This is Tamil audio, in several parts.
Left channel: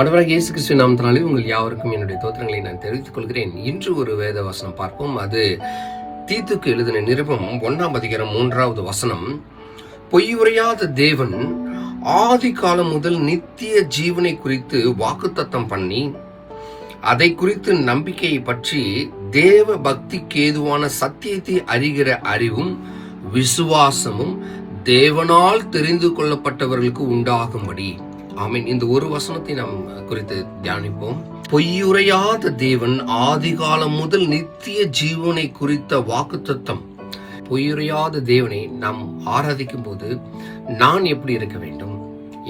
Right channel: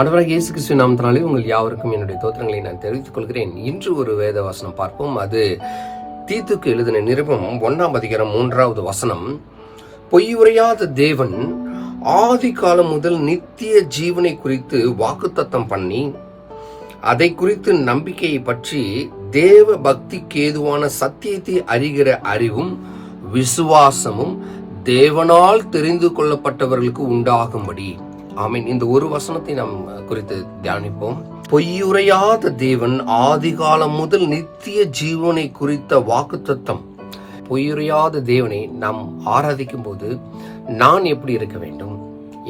ஆண்டவராகிய இயேசு கிறிஸ்து நாமத்தினாலே உங்கள் யாவருக்கும் என்னுடைய தோத்திரங்களை நான் தெரிவித்துக் கொள்கிறேன். இன்று ஒரு வேத வசனம் பார்ப்போம். அது தீத்துக்கு எழுதின நிருபம் 1ஆம் அதிகாரம் 3வது வசனம். பொய்யுரையாத தேவன் ஆதி காலம் முதல் நித்திய ஜீவனை குறித்து வாக்குத்தத்தம் பண்ணி அதை குறித்து நம்பிக்கையை பற்றி தேவ பக்திக்கு ஏதுவான சத்தியத்தை அறிகிற அறிவும் விசுவாசமும் தேவனால் தெரிந்து கொள்ளப்பட்டவர்களுக்கு உண்டாகும்படி. ஆமீன். இந்த ஒரு வசனத்தை நாம் குறித்து தியானிப்போம். பொய்யுரையாத தேவன் ஆதிகாலம் முதல் நித்திய ஜீவனை குறித்த வாக்குத்தத்தம். பொய்யுரையாத தேவனை நாம் ஆராதிக்கும் போது நான் எப்படி இருக்க வேண்டும்,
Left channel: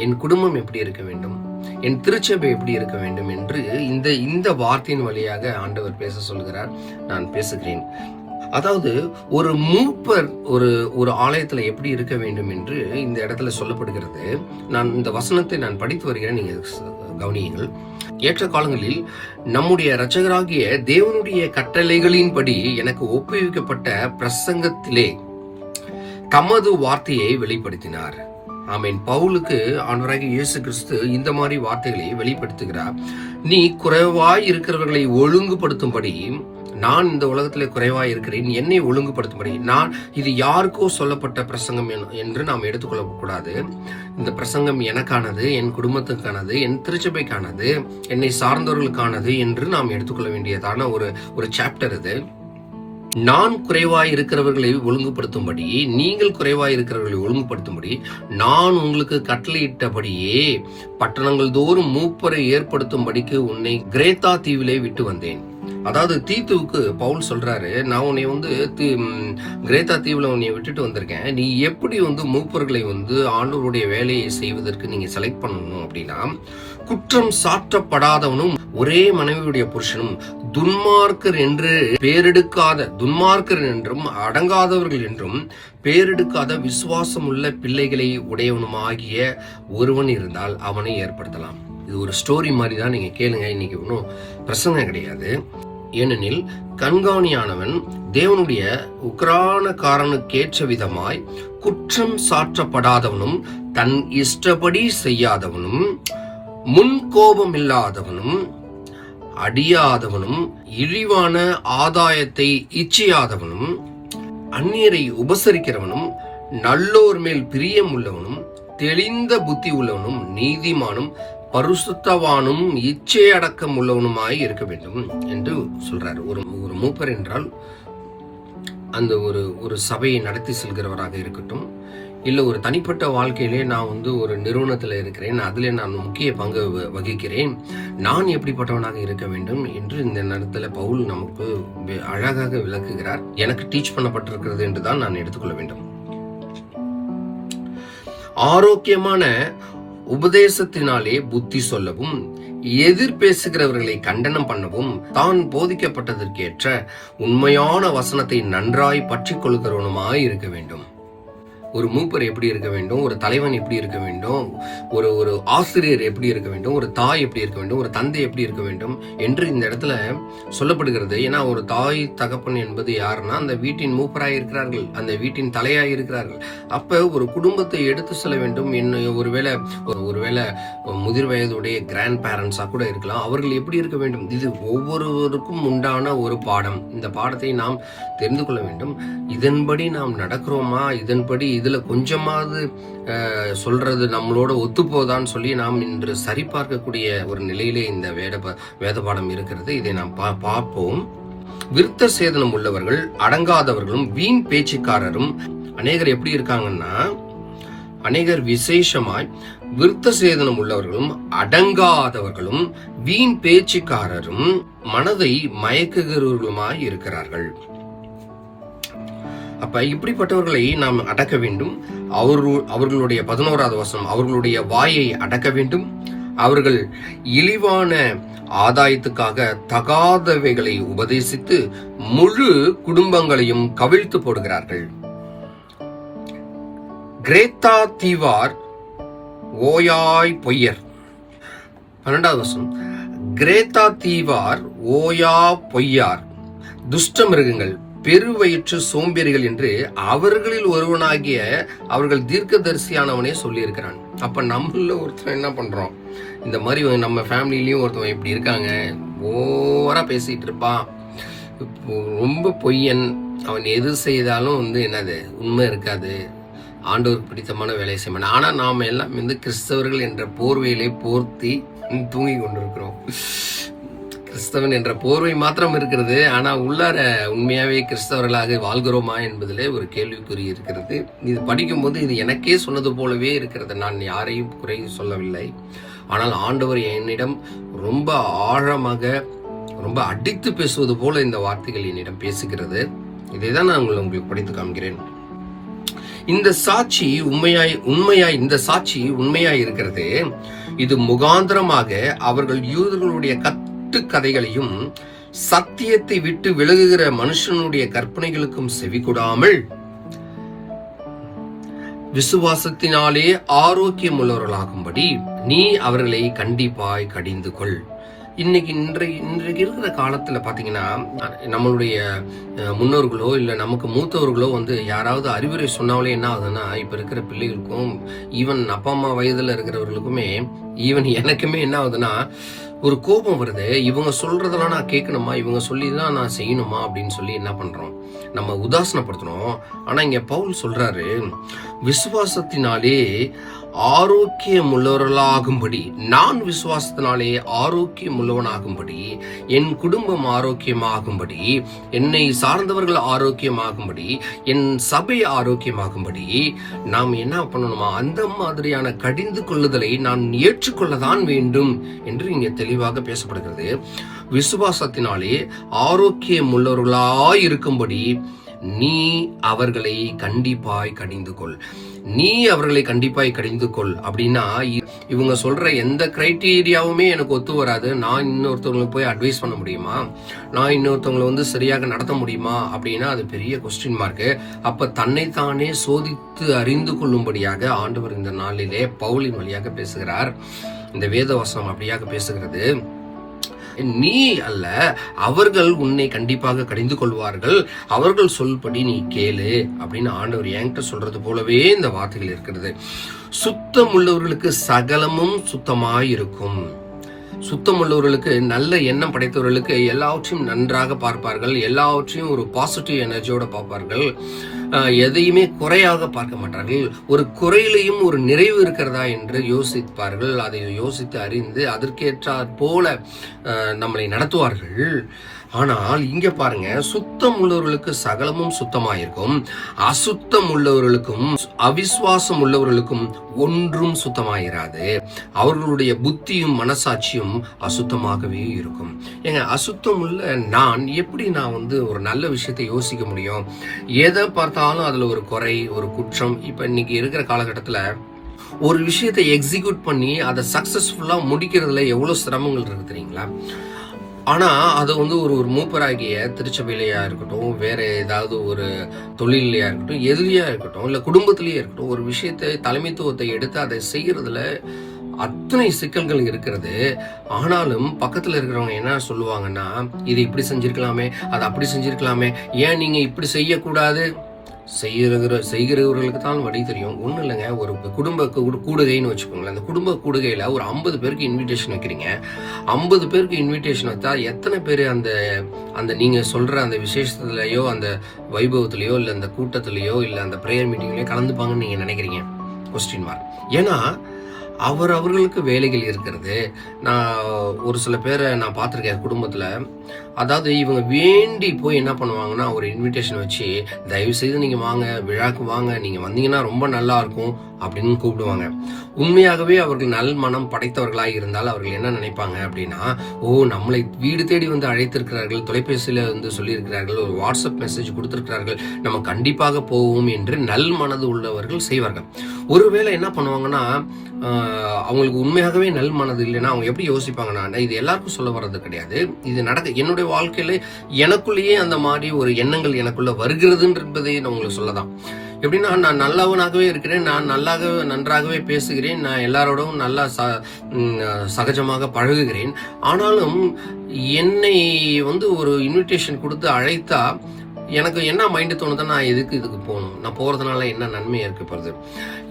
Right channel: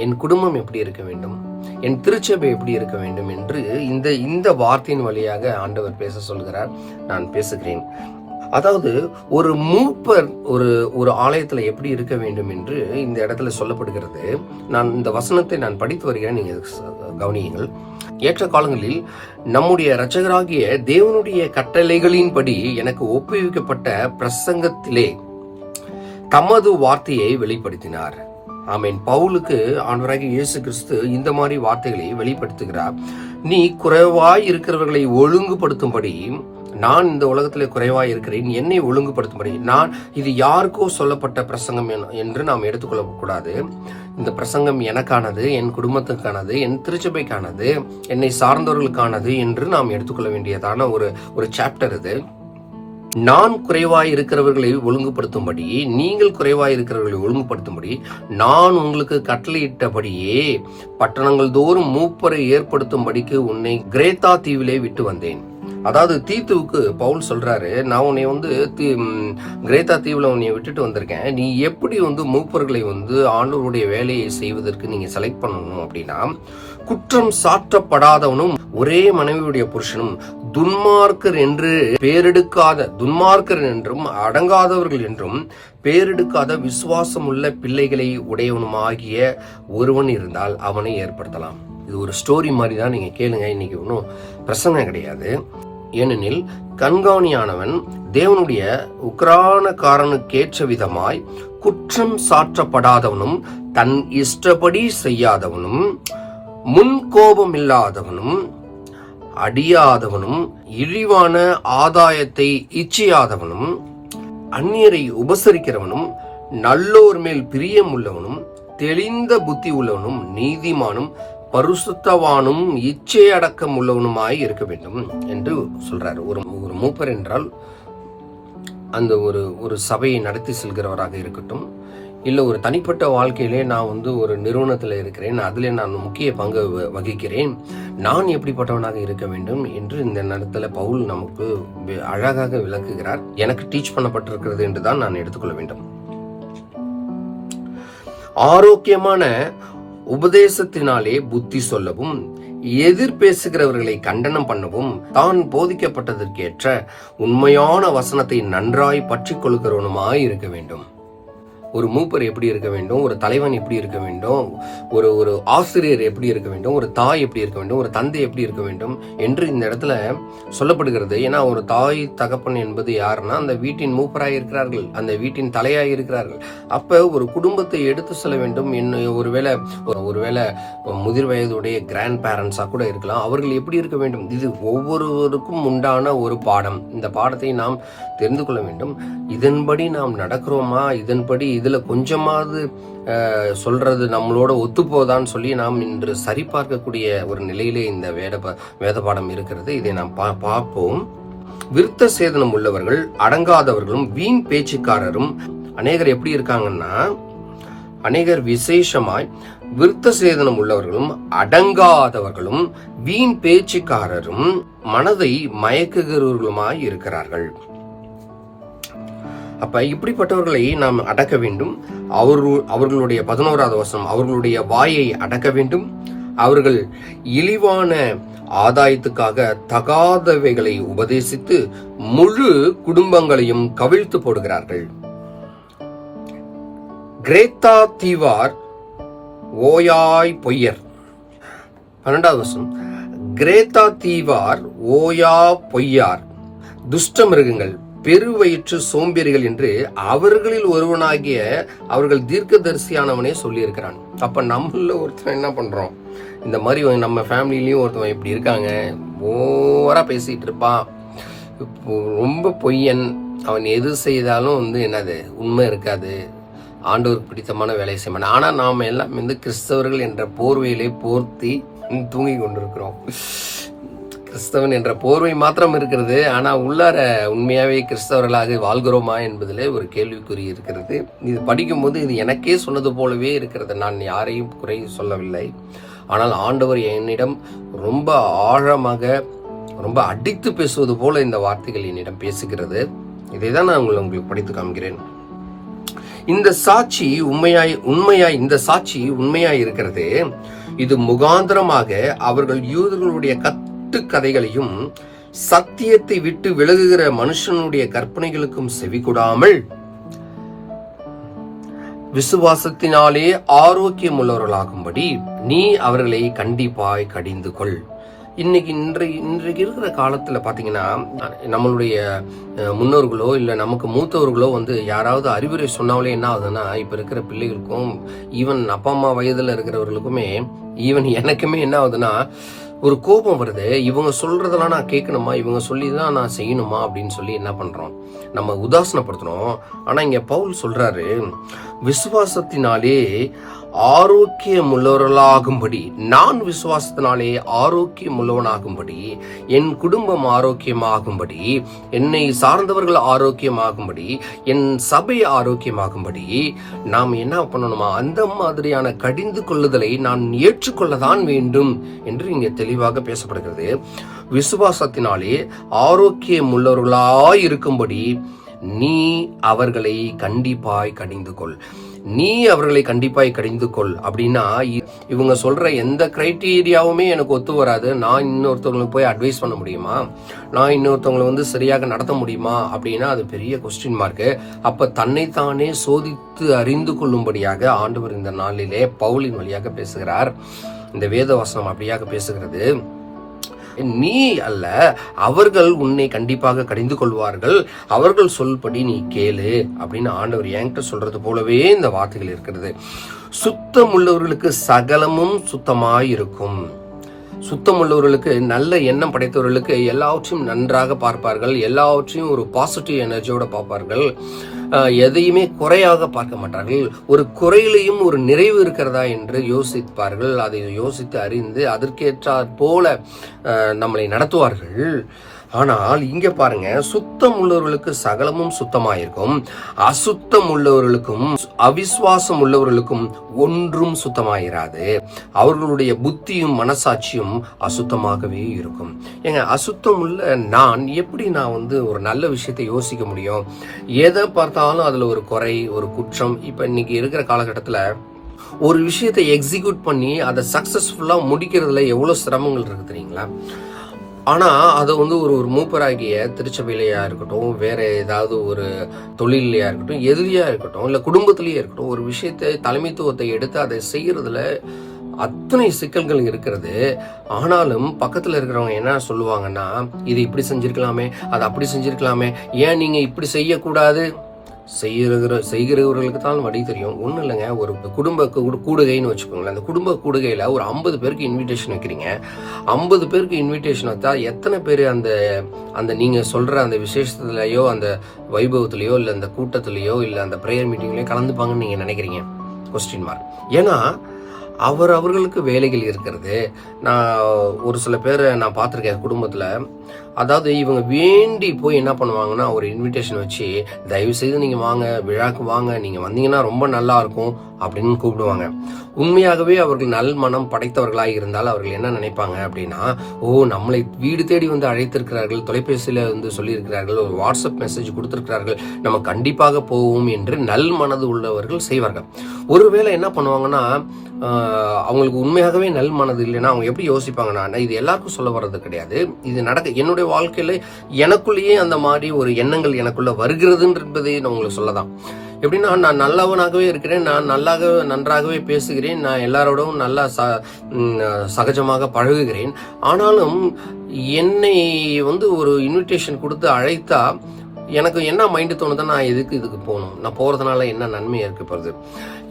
என் குடும்பம் எப்படி இருக்க வேண்டும், என் திருச்சபை எப்படி இருக்க வேண்டும் என்று இந்த வார்த்தையின் வழியாக ஆண்டவர் பேச சொல்கிறார். நான் பேசுகிறேன். அதாவது ஒரு மூப்பர் ஒரு ஆலயத்துல எப்படி இருக்க வேண்டும் என்று இந்த இடத்துல சொல்லப்படுகிறது. நான் இந்த வசனத்தை படித்து வருகிறேன், நீங்க கவனியுங்கள். ஏற்ற காலங்களில் நம்முடைய இரட்சகராகிய தேவனுடைய கட்டளைகளின்படி எனக்கு ஒப்புவிக்கப்பட்ட பிரசங்கத்திலே தமது வார்த்தையை வெளிப்படுத்தினார். ஆமீன். பவுலுக்கு ஆண்டவராகிய இயேசு கிறிஸ்து இந்த மாதிரி வார்த்தைகளை வெளிப்படுத்துகிறார். நீ குறைவாய் இருக்கிறவர்களை ஒழுங்குபடுத்தும்படி நான் இந்த உலகத்திலே குறைவாய் இருக்கிறேன், என்னை ஒழுங்குபடுத்தும்படி. நான் இது யாருக்கோ சொல்லப்பட்ட பிரசங்கம் என்று நாம் எடுத்துக்கொள்ள கூடாது. இந்த பிரசங்கம் எனக்கானது, என் குடும்பத்துக்கானது, என் திருச்சபைக்கானது, என்னை சார்ந்தவர்களுக்கானது என்று நாம் எடுத்துக்கொள்ள வேண்டியதான ஒரு சாப்டர் இது. நான் குறைவாய் இருக்கிறவர்களை ஒழுங்குபடுத்தும்படி, நீங்கள் குறைவாய் இருக்கிறவர்களை ஒழுங்குபடுத்தும்படி நான் உங்களுக்கு கட்டளையிட்டபடியே பட்டணங்கள் தோறும் மூப்பரை ஏற்படுத்தும்படிக்கு உன்னை கிரேத்தா தீவிலே விட்டு வந்தேன். அதாவது தீத்துவுக்கு பவுல் சொல்றாரு, நான் உன்னை கிரேத்தா தீவுல உன்னை விட்டுட்டு வந்திருக்கேன். நீ எப்படி மூப்பர்களை ஆண்டவருடைய வேலையை செய்வதற்கு நீங்க செலக்ட் பண்ணணும் அப்படின்னா, குற்றம் சாற்றப்படாதவனும் ஒரே மனைவியுடைய புருஷனும் துன்மார்க்கர் என்றும் அடங்காதவர்கள் என்றும் பேரெடுக்காத விசுவாசம் உள்ள பிள்ளைகளை உடையவனுமாகிய ஒருவன் இருந்தால் அவனை ஏற்படுத்தலாம். இது ஒரு ஸ்டோரி மாதிரி தான், நீங்க கேளுங்க. இன்னைக்கு ஒன்றும் பிரச்சனை கிடையாது. ஏனெனில் கண்காணியானவன் தேவனுடைய உக்கிரானக்காரனுக்கேற்ற விதமாய் குற்றம் சாற்றப்படாதவனும் தன் இஷ்டப்படி செய்யாதவனும் முன்கோபம் இல்லாதவனும் அடியாதவனும் இழிவான ஆதாயத்தை இச்சையாதவனும் அந்நியரை உபசரிக்கிறவனும் நல்லோர் மேல் பிரியம் உள்ளவனும் தெளிந்த புத்தி உள்ளவனும் நீதிமானும் பரிசுத்தவானும் இச்சை அடக்கம் உள்ளவனுமாய் இருக்க வேண்டும் என்று சொல்றாரு. ஒரு மூப்பர் என்றால் அந்த ஒரு சபையை நடத்தி செல்கிறவராக இருக்கட்டும், இல்ல ஒரு தனிப்பட்ட வாழ்க்கையிலே நான் ஒரு நிறுவனத்துல இருக்கிறேன், அதுல நான் முக்கிய பங்கு வகிக்கிறேன், நான் எப்படிப்பட்டவனாக இருக்க வேண்டும் என்று இந்த நேரத்துல பவுல் நமக்கு அழகாக விளக்குகிறார். எனக்கு டீச் பண்ணப்பட்டிருக்கிறது என்றுதான் நான் எடுத்துக்கொள்ள வேண்டும். ஆரோக்கியமான உபதேசத்தினாலே புத்தி சொல்லவும், எதிர் பேசுகிறவர்களை கண்டனம் பண்ணவும், தான் போதிக்கப்பட்டதற்கேற்ற உண்மையான வசனத்தை நன்றாய் பற்றி கொள்கிறவனுமாய் இருக்க வேண்டும். ஒரு மூப்பர் எப்படி இருக்க வேண்டும், ஒரு தலைவன் எப்படி இருக்க வேண்டும், ஒரு ஆசிரியர் எப்படி இருக்க வேண்டும், ஒரு தாய் எப்படி இருக்க வேண்டும், ஒரு தந்தை எப்படி இருக்க வேண்டும் என்று இந்த இடத்துல சொல்லப்படுகிறது. ஏன்னா ஒரு தாய் தகப்பன் என்பது யாருன்னா அந்த வீட்டின் மூப்பராய் இருக்கிறார்கள், அந்த வீட்டின் தலையாய் இருக்கிறார்கள். அப்ப ஒரு குடும்பத்தை எடுத்து செல்ல வேண்டும். ஒருவேளை முதிர் வயதுடைய கிராண்ட் பேரண்ட்ஸா கூட இருக்கலாம். அவர்கள் எப்படி இருக்க வேண்டும், இது ஒவ்வொருவருக்கும் உண்டான ஒரு பாடம். இந்த பாடத்தை நாம் தெரிந்து கொள்ள வேண்டும். இதன்படி நாம் நடக்கிறோமா, இதன்படி இதுல கொஞ்சமாவது சொல்றது நம்மளோட ஒத்துப்போதான்னு சொல்லி நாம் இன்று சரிபார்க்கக்கூடிய ஒரு நிலையிலே இந்த வேத பாடம் இருக்கிறது. இதை நாம் பார்ப்போம். விருத்த சேதனம் உள்ளவர்கள் அடங்காதவர்களும் வீண் பேச்சுக்காரரும். அநேகர் எப்படி இருக்காங்கன்னா, அநேகர் விசேஷமாய் விருத்த சேதனம் உள்ளவர்களும் அடங்காதவர்களும் வீண் பேச்சுக்காரரும் மனதை மயக்குகிறவர்களுமாய் இருக்கிறார்கள். அப்ப இப்படிப்பட்டவர்களை நாம் அடக்க வேண்டும். அவர்களுடைய 11வது வசனம், அவர்களுடைய வாயை அடக்க வேண்டும். அவர்கள் இழிவான ஆதாயத்துக்காக தகாதவைகளை உபதேசித்து முழு குடும்பங்களையும் கவிழ்த்து போடுகிறார்கள். கிரேத்தா தீவார் ஓயாய் பொய்யர். 12வது வசனம், கிரேத்தா தீவார் ஓயா பொய்யார், துஷ்ட மிருகங்கள், பெருவயிற்று சோம்பேறிகள் என்று அவர்களில் ஒருவனாகிய அவர்கள் தீர்க்கதரிசியானவனே சொல்லி இருக்கிறான். அப்ப நம்மள ஒருத்தர் என்ன பண்றோம், இந்த மாதிரி நம்ம ஃபேமிலிலையும் ஒருத்தவன் இப்படி இருக்காங்க, ஓவரா பேசிட்டு இருப்பான், ரொம்ப பொய்யன், அவன் எது செய்தாலும் என்னது உண்மை இருக்காது, ஆண்டவருக்கு பிடித்தமான வேலையை செய்ய. ஆனா நாம எல்லாம் கிறிஸ்தவர்கள் என்ற போர்வையிலே போர்த்தி தூங்கி கொண்டிருக்கிறோம். கிறிஸ்தவன் என்ற போர்வை மாத்திரம் இருக்கிறது, ஆனா உள்ளார உண்மையாவே கிறிஸ்தவர்களாக வாழ்கிறோமா என்பதிலே ஒரு கேள்விக்குறி இருக்கிறது. இது படிக்கும்போது இது எனக்கே சொன்னது போலவே இருக்கிறது. நான் யாரையும் குறை சொல்லவில்லை, ஆனால் ஆண்டவர் என்னிடம் ரொம்ப ஆழமாக, ரொம்ப அடித்து பேசுவது போல இந்த வார்த்தைகள் என்னிடம் பேசுகிறது. இதைதான் நான் உங்களுக்கு படித்து காண்கிறேன். இந்த சாட்சி உண்மையாய் இருக்கிறது. இது முகாந்திரமாக அவர்கள் யூதர்களுடைய கதைகளையும் சத்தியத்தை விட்டு விலகுகிற மனுஷனுடைய கற்பனைகளுக்கும் செவிகொடாமல் விசுவாசத்தினாலே ஆரோக்கியம் உள்ளவர்களாகும்படி நீ அவர்களை கண்டிப்பாய் கடிந்து கொள். இன்றைக்கு இருக்கிற காலத்துல பாத்தீங்கன்னா, நம்மளுடைய முன்னோர்களோ இல்ல நமக்கு மூத்தவர்களோ யாராவது அறிவுரை சொன்னாலே என்ன ஆகுதுன்னா, இப்ப இருக்கிற பிள்ளைகளுக்கும் ஈவன் அப்பா அம்மா வயதுல இருக்கிறவர்களுக்குமே ஈவன் எனக்குமே என்ன ஆகுதுன்னா, ஒரு கோபம் வருது. இவங்க சொல்றதெல்லாம் நான் கேட்கணுமா, இவங்க சொல்லிதான் நான் செய்யணுமா அப்படின்னு சொல்லி என்ன பண்றோம், நம்ம உதாசனப்படுத்தணும். ஆனா இங்க பவுல் சொல்றாரு, விசுவாசத்தினாலே ஆரோக்கியம் உள்ளவர்களாகும்படி, நான் விசுவாசத்தினாலே ஆரோக்கியம் உள்ளவனாகும்படி, என் குடும்பம் ஆரோக்கியமாகும்படி, என்னை சார்ந்தவர்கள் ஆரோக்கியமாகும்படி, என் சபை ஆரோக்கியமாகும்படி நாம் என்ன பண்ணணுமா, அந்த மாதிரியான கடிந்து கொள்ளுதலை நான் ஏற்றுக்கொள்ளதான் வேண்டும் என்று இங்கே தெளிவாக பேசப்படுகிறது. விசுவாசத்தினாலே ஆரோக்கியம் உள்ளவர்களாய் இருக்கும்படி நீ அவர்களை கண்டிப்பாய் கடிந்து கொள். நீ அவர்களை கண்டிப்பாய் கடிந்து கொள் அப்படின்னா, இவங்க சொல்ற எந்த கிரைட்டீரியாவுமே எனக்கு ஒத்து வராது. நான் இன்னொருத்தவங்களுக்கு போய் அட்வைஸ் பண்ண முடியுமா, நான் இன்னொருத்தவங்களை சரியாக நடத்த முடியுமா அப்படின்னா அது பெரிய கொஸ்டின் மார்க். அப்ப தன்னைத்தானே சோதித்து அறிந்து கொள்ளும்படியாக ஆண்டவர் இந்த நாளிலே பவுலின் வழியாக பேசுகிறார். இந்த வேத வசனம் அப்படியாக பேசுகிறது. நீ அல்ல, அவர்கள் உன்னை கண்டிப்பாக கடிந்து கொள்வார்கள், அவர்கள் சொல்படி நீ கேளு அப்படின்னு ஆண்டவர் என்கிட்ட சொல்றது போலவே இந்த வார்த்தைகள் இருக்கிறது. சுத்தம் உள்ளவர்களுக்கு சகலமும் சுத்தமாய் இருக்கும். சுத்தம் உள்ளவர்களுக்கு, நல்ல எண்ணம் படைத்தவர்களுக்கு எல்லாவற்றையும் நன்றாக பார்ப்பார்கள், எல்லாவற்றையும் ஒரு பாசிட்டிவ் எனர்ஜியோட பார்ப்பார்கள், எதையுமே குறையாக பார்க்க மாட்டார்கள். ஒரு குறையிலையும் ஒரு நிறைவு இருக்கிறதா என்று யோசிப்பார்கள். அதை யோசித்து அறிந்து அதற்கேற்றாற் போல நம்மளை நடத்துவார்கள். ஆனால் இங்க பாருங்க, சுத்தம் உள்ளவர்களுக்கு சகலமும் சுத்தமாயிருக்கும், அசுத்தம் உள்ளவர்களுக்கும் அவிசுவாசம் உள்ளவர்களுக்கும் ஒன்றும் சுத்தமாயிராது. அவர்களுடைய புத்தியும் மனசாட்சியும் அசுத்தமாகவே இருக்கும். ஏங்க, அசுத்தம் உள்ள நான் எப்படி நான் ஒரு நல்ல விஷயத்தை யோசிக்க முடியும்? எதை பார்த்தாலும் அதுல ஒரு குறை, ஒரு குற்றம். இப்ப இன்னைக்கு இருக்கிற காலகட்டத்துல ஒரு விஷயத்தை எக்ஸிக்யூட் பண்ணி அதை சக்சஸ்ஃபுல்லா முடிக்கிறதுல எவ்வளவு சிரமங்கள் இருக்கு தெரியுங்களா? ஆனா அதை ஒரு மூப்பராகிய திருச்சபையிலையா இருக்கட்டும், வேற ஏதாவது ஒரு தொழிலையா இருக்கட்டும், எதிரியா இருக்கட்டும், இல்ல குடும்பத்திலேயே இருக்கட்டும், ஒரு விஷயத்தை தலைமைத்துவத்தை எடுத்து அதை செய்யறதுல அத்தனை சிக்கல்கள் இருக்கிறது. ஆனாலும் பக்கத்துல இருக்கிறவங்க என்ன சொல்லுவாங்கன்னா, இது இப்படி செஞ்சிருக்கலாமே, அது அப்படி செஞ்சிருக்கலாமே, ஏன் நீங்க இப்படி செய்யக்கூடாது? செய்கிறவர்களுக்கு தான் வழி தெரியும். ஒன்றும் இல்லைங்க, ஒரு குடும்ப கூடுகைன்னு வச்சுக்கோங்களேன். அந்த குடும்ப கூடுகையில ஒரு 50 பேருக்கு இன்விடேஷன் வைக்கிறீங்க. 50 பேருக்கு இன்விடேஷன் வச்சா எத்தனை பேர் அந்த நீங்க சொல்ற அந்த விசேஷத்துலயோ, அந்த வைபவத்திலயோ, இல்ல அந்த கூட்டத்திலயோ, இல்ல அந்த பிரேயர் மீட்டிங்லயோ கலந்துப்பாங்கன்னு நீங்க நினைக்கிறீங்க? Question mark. ஏன்னா அவர்களுக்கு வேலைகள் இருக்கிறது. நான் ஒரு சில பேரை நான் பார்த்திருக்கேன் குடும்பத்துல. அதாவது இவங்க வேண்டி போய் என்ன பண்ணுவாங்கன்னா, ஒரு இன்விடேஷன் வச்சு, தயவு செய்து நீங்க வாங்க, விழாக்கு வாங்க, நீங்க வந்தீங்கன்னா ரொம்ப நல்லா இருக்கும் அப்படின்னு கூப்பிடுவாங்க. உண்மையாகவே அவர்கள் நல் மனம் படைத்தவர்களாக இருந்தால் அவர்கள் என்ன நினைப்பாங்க அப்படின்னா, நம்மளை வீடு தேடி அழைத்திருக்கிறார்கள், தொலைபேசியில சொல்லியிருக்கிறார்கள், ஒரு வாட்ஸ்அப் மெசேஜ் கொடுத்திருக்கிறார்கள், நம்ம கண்டிப்பாக போவோம் என்று நல் மனது உள்ளவர்கள் செய்வார்கள். ஒருவேளை என்ன பண்ணுவாங்கன்னா, அவங்களுக்கு உண்மையாகவே நல் மனது இல்லைன்னா அவங்க எப்படி யோசிப்பாங்கன்னா, இது எல்லாருக்கும் சொல்ல வர்றது கிடையாது, இது என்னுடைய வாழ்க்கையில எனக்குள்ளேயே அந்த மாதிரி ஒரு எண்ணங்கள் எனக்குள்ள வருகிறதுன்றதை நான் உங்களுக்கு சொல்லதான். எப்படின்னா, நான் நல்லவனாகவே இருக்கிறேன், நான் நன்றாகவே பேசுகிறேன், நான் எல்லாரோடவும் நல்லா சகஜமாக பழகுகிறேன். ஆனாலும் என்னை ஒரு இன்விடேஷன் கொடுத்து அழைத்தா எனக்கு என்ன மைண்டு தோணுதா, நான் இதுக்கு போகணும், நான் போறதுனால என்ன நன்மை இருக்கு போகுது,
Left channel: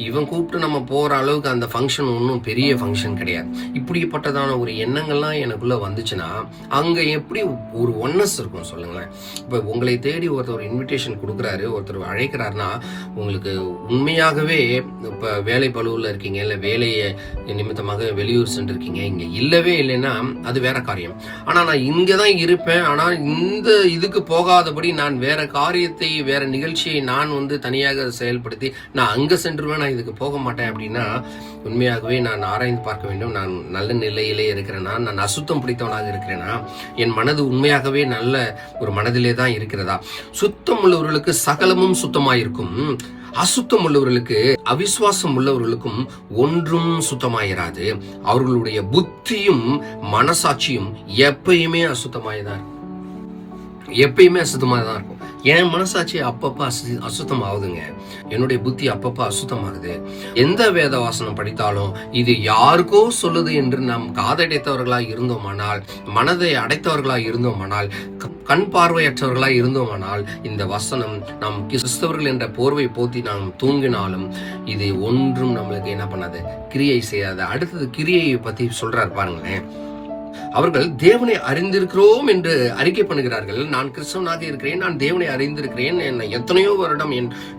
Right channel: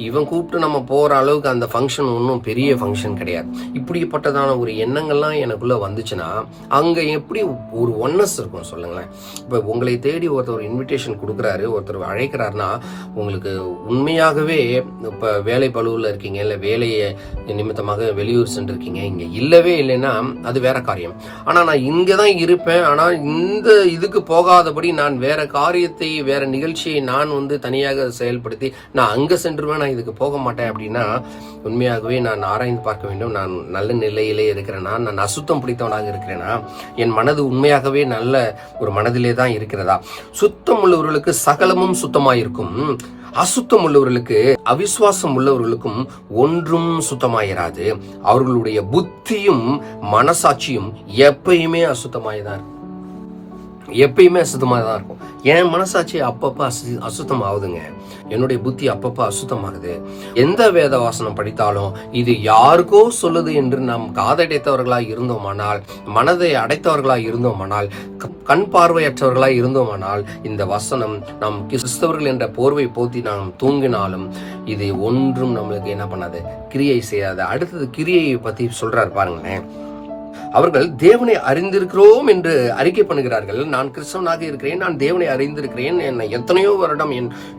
இவன் கூப்பிட்டு நம்ம போற அளவுக்கு அந்த ஃபங்க்ஷன் ஒன்றும் பெரிய ஃபங்க்ஷன் கிடையாது. இப்படிப்பட்டதான ஒரு எண்ணங்கள்லாம் எனக்குள்ள வந்துச்சுன்னா அங்க எப்படி ஒரு ஒன்னஸ் இருக்கும் சொல்லுங்களேன். இப்ப உங்களை தேடி ஒருத்தர் இன்விடேஷன் கொடுக்குறாரு, ஒருத்தர் அழைக்கிறாருன்னா உங்களுக்கு உண்மையாகவே இப்ப வேலை பளுவில் இருக்கீங்க, இல்ல வேலையை நிமித்தமாக வெளியூர் சென்றிருக்கீங்க, இங்க இல்லவே இல்லைன்னா அது வேற காரியம். ஆனா நான் இங்கதான் இருப்பேன், ஆனா இந்த இதுக்கு போகாதபடி நான் வேற காரியத்தை, வேற நிகழ்ச்சியை நான் தனியாக செயல்படுத்தி நான் அங்க சென்றுவேன், நான் இதுக்கு போக மாட்டேன் அப்படின்னா உண்மையாகவே நான் ஆராய்ந்து பார்க்க வேண்டும். நான் நல்ல நிலையிலே இருக்கிறேனா, நான் அசுத்தம் பிடித்தவனாக இருக்கிறேனா, என் மனது உண்மையாகவே நல்ல ஒரு மனதிலே தான் இருக்கிறதா? சுத்தம் உள்ளவர்களுக்கு சகலமும் சுத்தமாயிருக்கும், அசுத்தம் உள்ளவர்களுக்கு, அவிசுவாசம் உள்ளவர்களுக்கும் ஒன்றும் சுத்தமாயிராது. அவர்களுடைய புத்தியும் மனசாட்சியும் எப்பயுமே அசுத்தமாயதான் இருக்கும், எப்பயுமே அசுத்தமாகதான் இருக்கும். என் மனசாட்சி அப்பப்ப அசுத்தம் ஆகுதுங்க, என்னுடைய புத்தி அப்பப்ப அசுத்தமாகுது. எந்த வேத வாசனம் படித்தாலும் இது யாருக்கோ சொல்லுது என்று நாம் காதடைத்தவர்களாய் இருந்தோமானால், மனதை அடைத்தவர்களாய் இருந்தோமானால், கண் பார்வையற்றவர்களாய் இருந்தோமானால், இந்த வசனம் நாம் கிறிஸ்தவர்கள் என்ற போர்வை போத்தி நாம் தூங்கினாலும் இது ஒன்றும் நம்மளுக்கு என்ன பண்ணாது, கிரியை செய்யாது. அடுத்தது கிரியையை பத்தி சொல்றாரு பாருங்களேன். அவர்கள் தேவனை அறிந்திருக்கிறோம் என்று அறிக்கை பண்ணுகிறார்கள். நான் கிறிஸ்தவனாக இருக்கிறேன், நான் தேவனை அறிந்திருக்கிறேன், என்னை எத்தனையோ வருடம்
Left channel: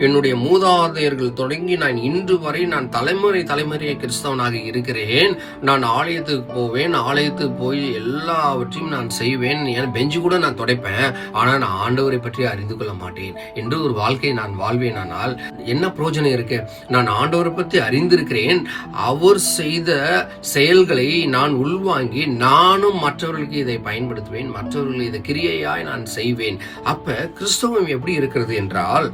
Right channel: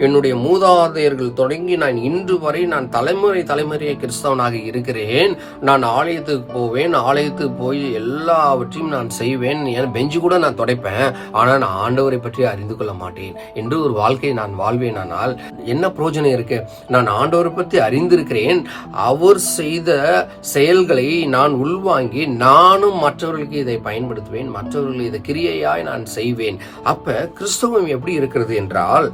என்னுடைய மூதாதையர்கள் தொடங்கி நான் இன்று வரை நான் தலைமுறையை கிறிஸ்தவனாக இருக்கிறேன், நான் ஆலயத்துக்கு போவேன், ஆலயத்துக்கு போய் எல்லாவற்றையும் நான் செய்வேன், என் பெஞ்சு கூட நான் துடைப்பேன், ஆனால் நான் ஆண்டவரை பற்றி அறிந்து கொள்ள மாட்டேன் என்று ஒரு வாழ்க்கையை நான் வாழ்வேன். ஆனால் என்ன பிரயோஜனம் இருக்கு? நான் ஆண்டவரை பற்றி அறிந்திருக்கிறேன், அவர் செய்த செயல்களை நான் உள்வாங்கி நானும் மற்றவர்களுக்கு இதை பயன்படுத்துவேன், மற்றவர்கள் இதை கிரியையாய் நான் செய்வேன். அப்ப கிறிஸ்தவம் எப்படி இருக்கிறது என்றால்,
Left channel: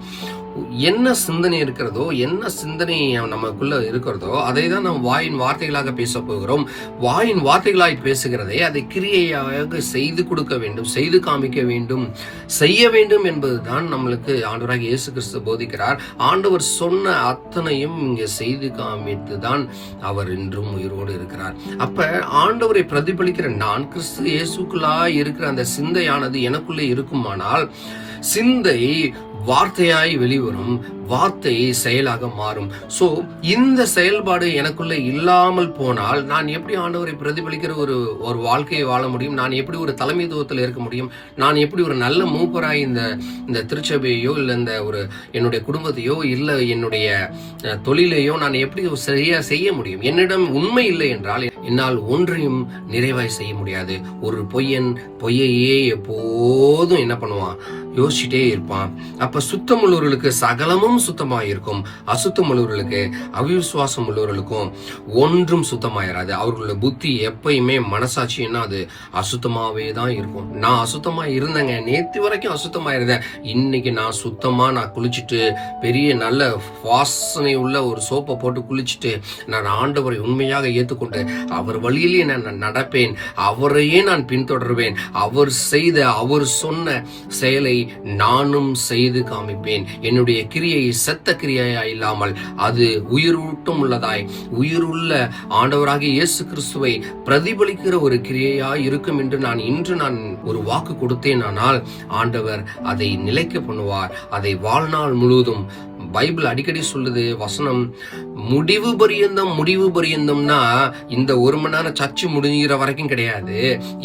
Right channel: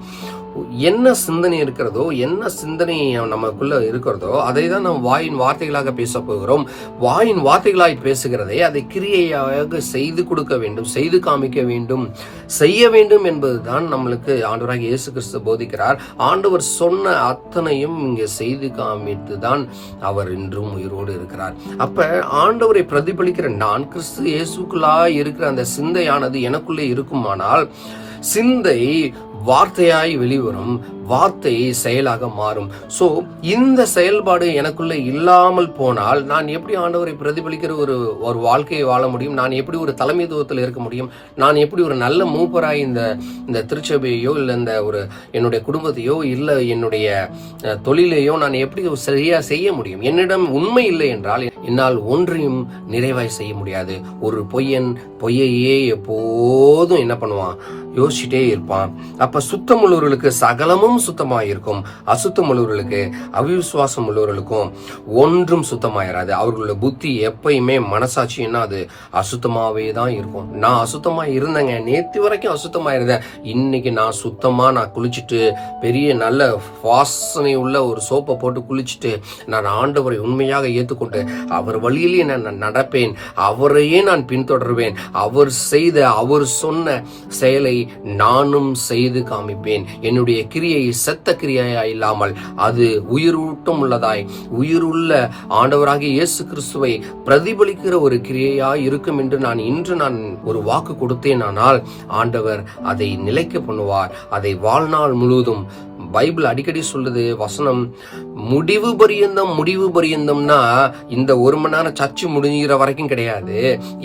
என்ன சிந்தனை இருக்கிறதோ, என்ன சிந்தனை நமக்குள்ள இருக்கிறதோ அதை தான் நாம் வாயின் வார்த்தைகளாக பேச போகிறோம். வாயின் வார்த்தைகளாய் பேசுகிறதை அதை கிரியையாக செய்து கொடுக்க வேண்டும், செய்து காமிக்க வேண்டும், செய்ய வேண்டும் என்பதுதான் நம்மளுக்கு ஆண்டவராக இயேசு கிறிஸ்து போதிக்கிறார். ஆண்டவர் சொன்ன அத்தனையும் இங்கே செய்து காமித்து தான் அவர் இன்றும் உயிரோடு இருக்கிறார். அப்ப ஆண்டவரை பிரதிபலிக்கிற நான் கிறிஸ்து இயேசுக்குள்ளா இருக்கிற அந்த சிந்தையானது எனக்குள்ளே இருக்குமானால், சிந்தை வார்த்தையாய் வெளிவரும், வார்த்தை செயலாக மாறும். சோ இந்த செயல்பாடு எனக்குள்ள இல்லாமல் போனால் நான் எப்படி ஆண்டவரை பிரதிபலிக்கிற ஒரு வாழ்க்கையை வாழ முடியும்? நான் எப்படி ஒரு தலைமைத்துவத்தில் இருக்க முடியும்? நான் எப்படி ஒரு நல்ல மூப்பராய் இந்த திருச்சபையோ இல்ல இந்த ஒரு என்னுடைய குடும்பத்தையோ இல்ல என்னுடைய தொழிலையோ நான் எப்படி சரியா செய்ய முடியும்? என்னிடம் உண்மை இல்லை என்றால் என்னால் ஒன்றையும் நிறைவாய் செய்ய முடியாது. ஒரு பொய்யையே எப்போதும் என்ன பண்ணுவான்? யோசிச்சுட்டே இருப்பான். அப்ப சுத்தம் உள்ளவர்களுக்கு சகலமும் சுத்தமாயிருக்கும், அசுத்தம் உள்ளவர்களுக்கு, அவிசுவாசம் உள்ளவர்களுக்கும் ஒன்றும் சுத்தமாயிராது. அவர்களுடைய புத்தி எப்பயுமே மனசாட்சின்னா அது அசுத்தமாவே தான் இருக்கும். நான் அசுத்தமா இருந்தேங்க, நேத்து வரைக்கும் அசுத்தமா இருந்தேன், இன்னைக்கு நான் சுத்தமா நான் குளிச்சுட்டு பெரிய நல்ல வாசனை உள்ள ஒரு சோப்பை போட்டு குளிச்சுட்டு நான் ஆண்டவரை உண்மையாக ஏற்றுக்கொண்டு அவர் வழியிலே நான் நடப்பேன், அவரையே நான் பின்தொடர்வேன், அவர் சொன்ன செயலை நானும் செய்து காமிப்பேன். என்னுடைய கிரியை செத்த கிரியா இல்லாமல் அது உயிரூட்டம் உள்ளதாய், உயிருள்ள ஆண்டவராகிய இயேசு கிறிஸ்துவை பிரதிபலிக்கிற ஒரு கிரியையாய் இருக்கும் என்று இன்று நான் ஒரு வாக்கு கொடுத்தேன். ஆனால் ஆண்டவர் அதை நிலைக்க பண்ணுவார். அதை வாழ்நாள் முழுவதும் பைபிள் அடிக்கடி சொல்லுது வசனம், முடிவு பரியந்தம்னா இந்த ஒரு மணி நேரம் சர்ச்சு முடிஞ்சிற வரைக்கும் கிடையாது,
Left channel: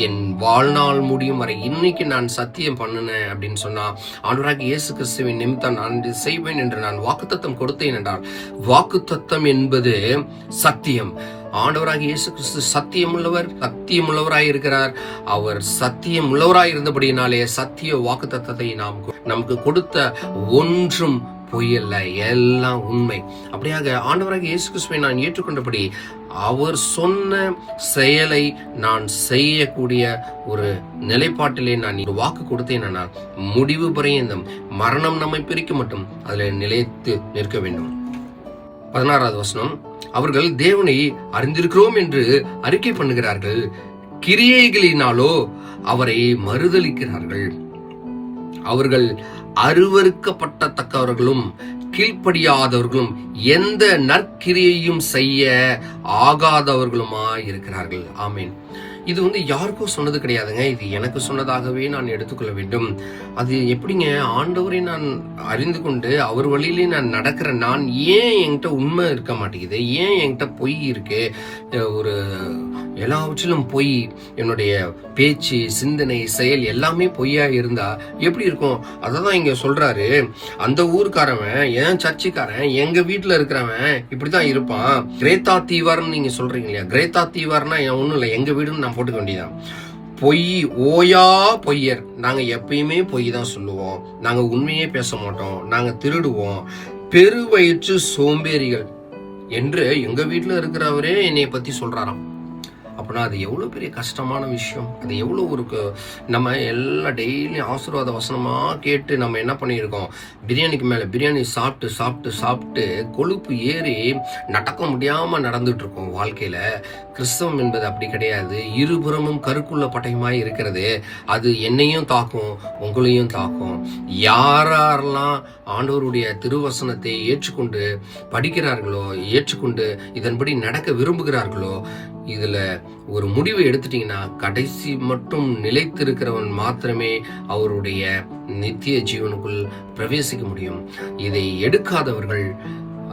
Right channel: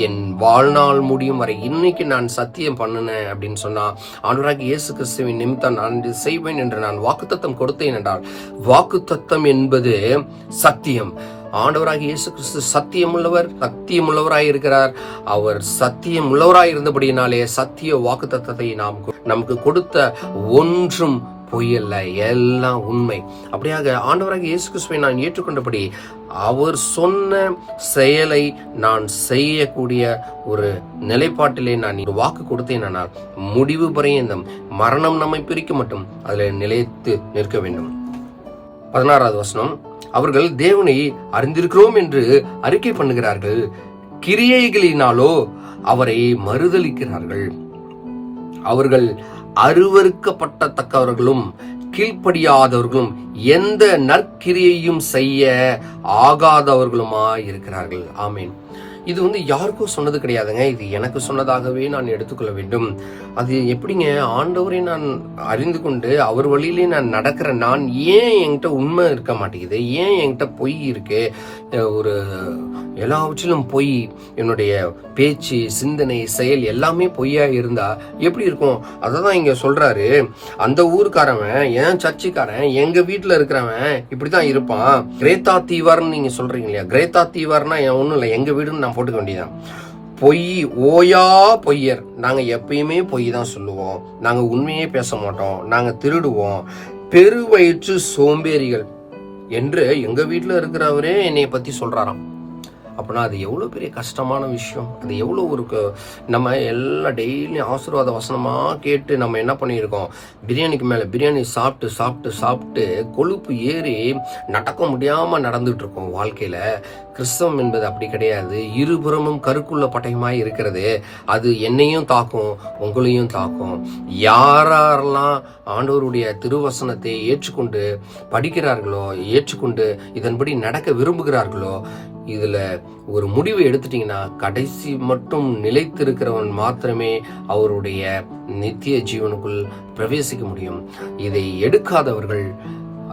என் வாழ்நாள் முடியும் வரை இன்னைக்கு நான் சத்தியம் பண்ணினேன் அப்படின்னு சொன்னா ஆண்டவராகிய இயேசு கிறிஸ்துவின் நிமித்தம் நான் இது செய்வேன் என்று நான் வாக்குத்தத்தம் கொடுத்தேன் என்றால், வாக்குத்தத்தம் என்பது சத்தியம். ஆண்டவராகிய இயேசு கிறிஸ்து சத்தியமுள்ளவராய் இருக்கிறார். அவர் சத்தியமுள்ளவராய் இருந்தபடியினாலே சத்திய வாக்குத்தத்தத்தை நமக்கு கொடுத்த ஒன்றும் பொய்யல்ல, எல்லாம் உண்மை. அப்படியாக ஆண்டவராகிய இயேசு கிறிஸ்துவை நான் ஏற்றுக்கொண்டபடி அவர் சொன்ன செயலை நான் செய்யக்கூடிய ஒரு நிலைப்பாட்டிலே நான் வாக்கு கொடுத்தேன். ஆனால் முடிவு பரியந்தம் மரணம் நம்மை பிரிக்க மட்டும் அதுல நிலைத்து நிற்க வேண்டும். 16வது வசனம், அவர்கள் தேவனை அறிந்திருக்கிறோம் என்று அறிக்கை பண்ணுகிறார்கள், கிரியைகளினாலோ அவரை மறுதலிக்கிறார்கள். அவர்கள் அருவருக்கப்பட்டத்தக்கவர்களும் கீழ்ப்படியாதவர்களும் எந்த நற்கிரியையும் செய்ய ஆகாதவர்களுமாய் இருக்கிறார்கள். ஆமீன். இது வந்து யாருக்கும் சொன்னது கிடையாதுங்க. இது எனக்கு சொன்னதாகவே நான் எடுத்துக்கொள்ள வேண்டும். அது எப்படிங்க? ஆண்டவரை நான் அறிந்து கொண்டு அவர் வழியிலே நான் நடக்கிற நான் ஏன் என்கிட்ட உண்மை இருக்க மாட்டேங்குது? ஏன் என்கிட்ட பொய் இருக்கு? ஒரு எல்லாவற்றிலும் பொய், என்னுடைய பேச்சு, சிந்தனை, செயல் எல்லாமே பொய்யா இருந்தா எப்படி இருக்கும்? அததான் இங்க சொல்றாரு. அந்த ஊருக்காரவன், என் சர்ச்சைக்காரன், எங்க வீட்டுல இருக்கிறவன் இப்படிதான் இருப்பான். கிரேத்தா தீவார்னு நீங்க சொல்றீங்க இல்லையா? கிரேத்தா தீவார்னா ஒண்ணும் இல்லை, எங்க வீடுன்னு நான் போட்டுக்க வேண்டியதான். பொய், ஓயா பொய்யர். நாங்க எப்பயுமே பொய் தான் சொல்லுவோம், நாங்க உண்மையே பேச மாட்டோம், நாங்க திருடுவோம், பெருவயிற்று சோம்பேறிகள் என்று எங்க வீட்டுல இருக்கிறவரே என்னைய பத்தி சொல்றாராம். அப்படின்னா அது எவ்வளவு பெரிய கஷ்டமான விஷயம். அது எவ்வளவு ஒரு நம்ம எல்லா டெய்லியும் ஆசீர்வாத வசனமா கேட்டு நம்ம என்ன பண்ணியிருக்கோம்? பிரியாணிக்கு மேல பிரியாணி சாப்பிட்டு சாப்பிட்டு சாப்பிட்டு கொழுப்பு ஏறி நடக்க முடியாம நடந்துட்டு இருக்கோம் வாழ்க்கையில. கிறிஸ்தவம் என்பது அப்படி கிடையாது. இருபுறமும் கருக்குள்ள பட்டயமாய் இருக்கிறது. அது என்னையும் தாக்கும், உங்களையும் தாக்கும். யாரெல்லாம் ஆண்டவருடைய திருவசனத்தை ஏற்றுக்கொண்டு படிக்கிறார்களோ, ஏற்றுக்கொண்டு இதன்படி நடக்க விரும்புகிறார்களோ, இதுல ஒரு முடிவு எடுத்துட்டீங்கன்னா கடைசி மட்டும் நிலைத்திருக்கிறவன் மாத்திரமே அவருடைய நித்திய ஜீவனுக்குள் பிரவேசிக்க முடியும். இதை எடுக்காதவர்கள்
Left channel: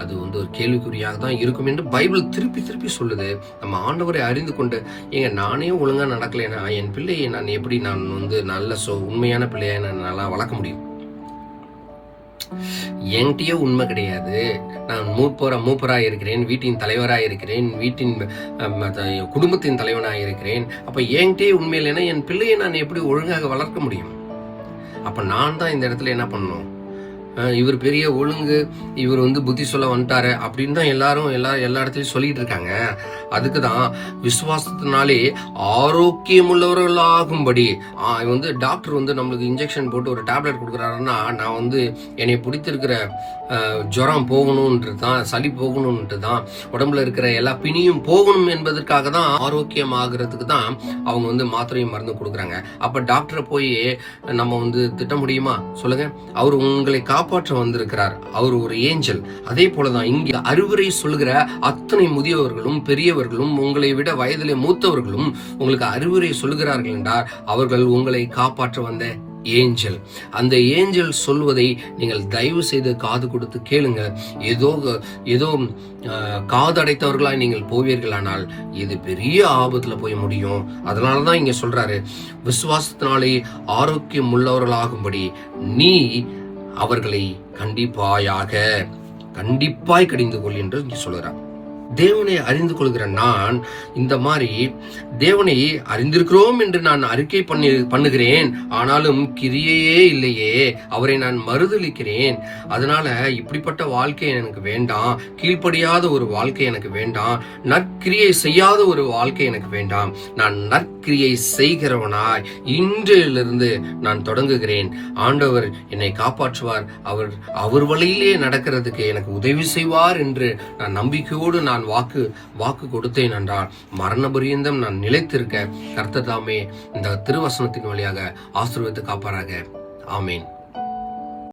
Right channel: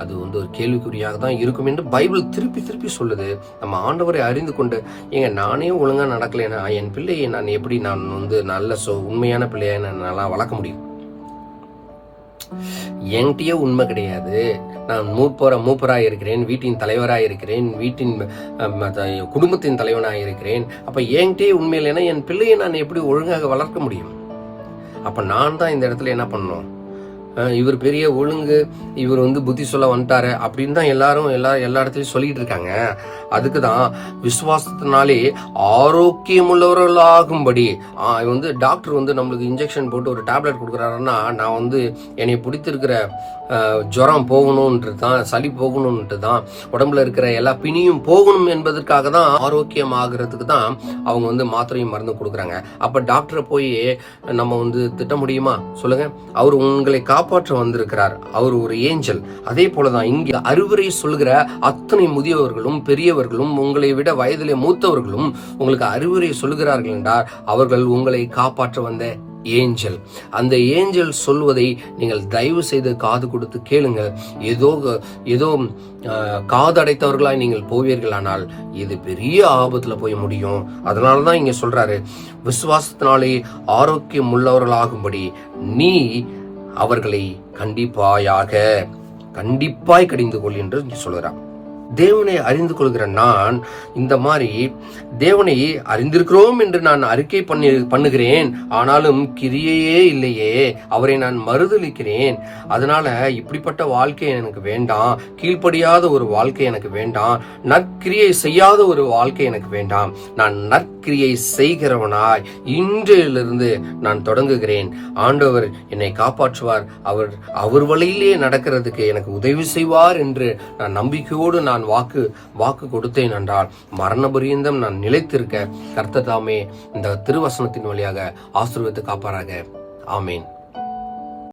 அது வந்து ஒரு கேள்விக்குறியாக தான் இருக்கும் என்று பைபிள் திருப்பி திருப்பி சொல்லுது. நம்ம ஆண்டவரை அறிந்து கொண்டு, ஏங்க நானே ஒழுங்கா நடக்கலைன்னா என் பிள்ளையை நான் எப்படி நான் வந்து நல்ல உண்மையான பிள்ளையை நல்லா வளர்க்க முடியும்? என்கிட்டயே உண்மை கிடையாது. நான் மூப்பராக இருக்கிறேன், வீட்டின் தலைவராக இருக்கிறேன், வீட்டின் குடும்பத்தின் தலைவனாக இருக்கிறேன். அப்ப என்கிட்டயே உண்மை இல்லைன்னா என் பிள்ளையை நான் எப்படி ஒழுங்காக வளர்க்க முடியும்? அப்ப நான் தான் இந்த இடத்துல என்ன பண்ணணும்? இவர் பெரிய ஒழுங்கு, இவர் வந்து புத்தி சொல்ல வந்துட்டாரு அப்படின்னு தான் எல்லாரும் எல்லா இடத்துலயும் சொல்லிட்டு இருக்காங்க. அதுக்குதான் விசுவாசத்தினாலே ஆரோக்கியமுள்ளவர்களாகும்படி வந்து டாக்டர் வந்து நம்மளுக்கு இன்ஜெக்ஷன் போட்டு ஒரு டேப்லெட் கொடுக்குறாருன்னா, நான் வந்து என்னை பிடித்திருக்கிற ஜுரம் போகணும்ன்றது தான், சளி போகணும்ன்ட்டு தான், உடம்புல இருக்கிற எல்லா பிணியும் போகணும் என்பதற்காக தான், ஆரோக்கியம் ஆகுறதுக்கு தான் அவங்க வந்து மாத்திரையும் மருந்து கொடுக்குறாங்க. அப்ப டாக்டரை போய் நம்ம வந்து திட்ட முடியுமா? சொல்லுங்க. அவர் உங்களை காப்பாற்ற வந்திருக்கிறார். அவர் ஒரு ஏஞ்சல். அதே போலதான் இங்க அறிவுரை சொல்லுகிற அத்தனை முதியவர்களும் பெரியவர்களும் உங்களை விட வயதிலே மூத்தவர்களும் உங்களுக்கு அறிவுரை சொல்லுகிறார்கள் என்றால் அவர்கள் உங்களை காப்பாற்ற வந்த ஏஞ்சல். அந்த ஏஞ்சல் சொல்வதை நீங்கள் தயவு செய்து காது கொடுத்து கேளுங்க. ஏதோ காது அடைத்தவர்களாய் நீங்கள் போவீர்களானால் இது பெரிய ஆபத்துல போய் முடியும். அதனாலதான் இங்க சொல்றாரு, விசுவாசத்தினாலே ஆரோக்கியம் உள்ளவர்களாகும்படி நீ அவர்களை கண்டிப்பாய் கடிந்து கொள் என்று சொல்கிறார். தேவனை அறிந்து கொள்கிற நான் இந்த மாதிரி தேவனை அறிந்திருக்கிறோம் என்று நான் அறிக்கை பண்ணுகிறேன், ஆனாலும் கிரியையே இல்லையே, அவரை நான் மறுதலிக்கிறேன். அதனால இப்படிப்பட்ட வாழ்க்கை எனக்கு வேண்டாம், கீழ்ப்படியாத ஒரு வாழ்க்கை எனக்கு வேண்டாம், நற்கிரியை செய்யாத ஒரு வாழ்க்கை எனக்கு வேண்டாம். நான் நற்கிரியை செய்கிறவனாய் இன்றிலிருந்து நான் தொடங்குகிறேன். ஆண்டவர் என்னை காப்பாற்றுவார், அவர் வழியிலே நடக்கிறதுக்கு எனக்கு உதவி செய்வார் என்று நான் நம்பிக்கையோடு நான் வாக்கு கொடுத்தேன் என்றால் மரண பரியந்தம் நான் நிலைத்திருக்க கர்த்தர் தாமே இந்த திருவசனத்தின் வழியாக ஆசீர்வதித்து காப்பாராக. ஆமேன்.